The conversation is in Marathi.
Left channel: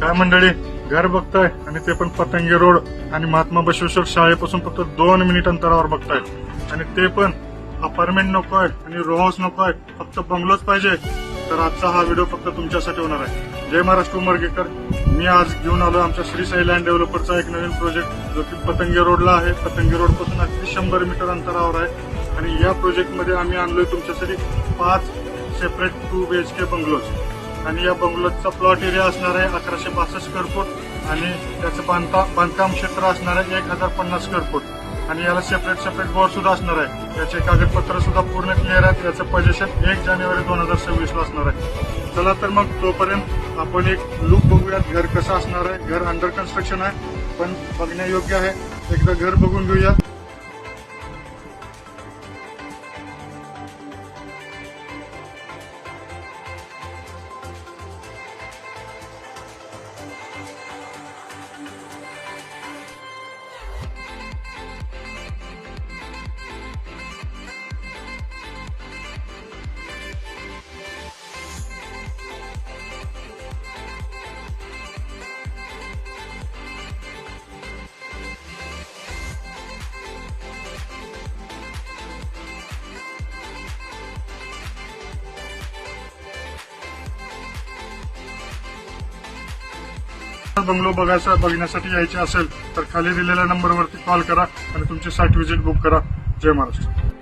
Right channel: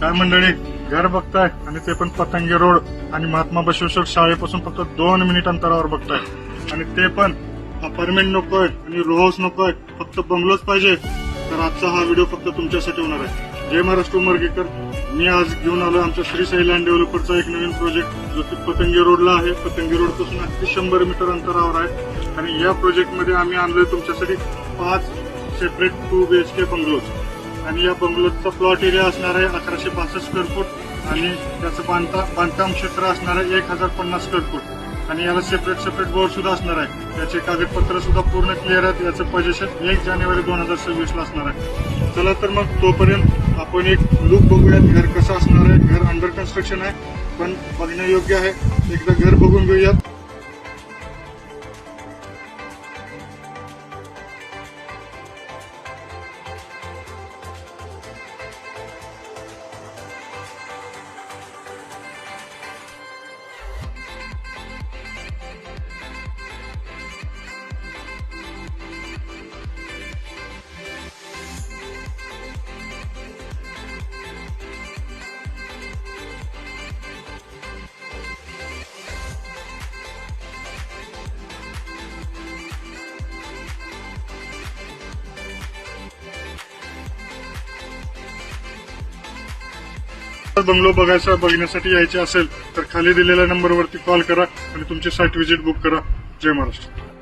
काय मंडळी, घर बघताय आणि ते पण पतंगी रोड आणि महात्मा बसवेश्वर शाळेपासून फक्त 2 मिनिट अंतरावर बघताय. आणि ते पण अपार्टमेंट नकोय आणि रो हाऊस नकोय, फक्त बंगलोच पाहिजे. तर आजचा हा व्हिडिओ फक्त तुमच्यासाठी होणार आहे. जय महाराष्ट्र उमरगेकर. मी आज घेऊन आलोय आमच्या श्री साई लँड डेव्हलपरचा एक नवीन प्रोजेक्ट, जो की पतंगी रोडला आहे. पतंगी रोड पासून अगदी 100 मीटर अंतरावर आहे. आणि या प्रोजेक्टमध्ये आम्ही आणलोय तुमच्यासाठी 5 सेपरेट 2 BHK बंगलोज. आणि या बंगलोजचा प्लॉट एरिया असणार आहे 1162 स्क्वेअर फूट आणि त्याचं बांधकाम क्षेत्र असणार आहे 1050 स्क्वेअर फूट. आणि याला सेपरेट बोर्ड सुद्धा असणार आहे. याचे कागदपत्र सुद्धा पूर्ण क्लिअर आहेत. याचं पोझिशन 1 जानेवारी 2026 ला असणार आहे. चला तर मग तोपर्यंत आपण एक लुक बघूयात, घर कसं असणार आहे. घर अंडर कन्स्ट्रक्शन आहे पण बघण्यायोग्य आहे. एकदा घर बघून घेऊयात. बंगलो बघण्यासाठी यायचे असेल तर खाली दिलेल्या नंबरवरती कॉल करा आणि तुमची साईट व्हिजिट बुक करा. जय महाराष्ट्र.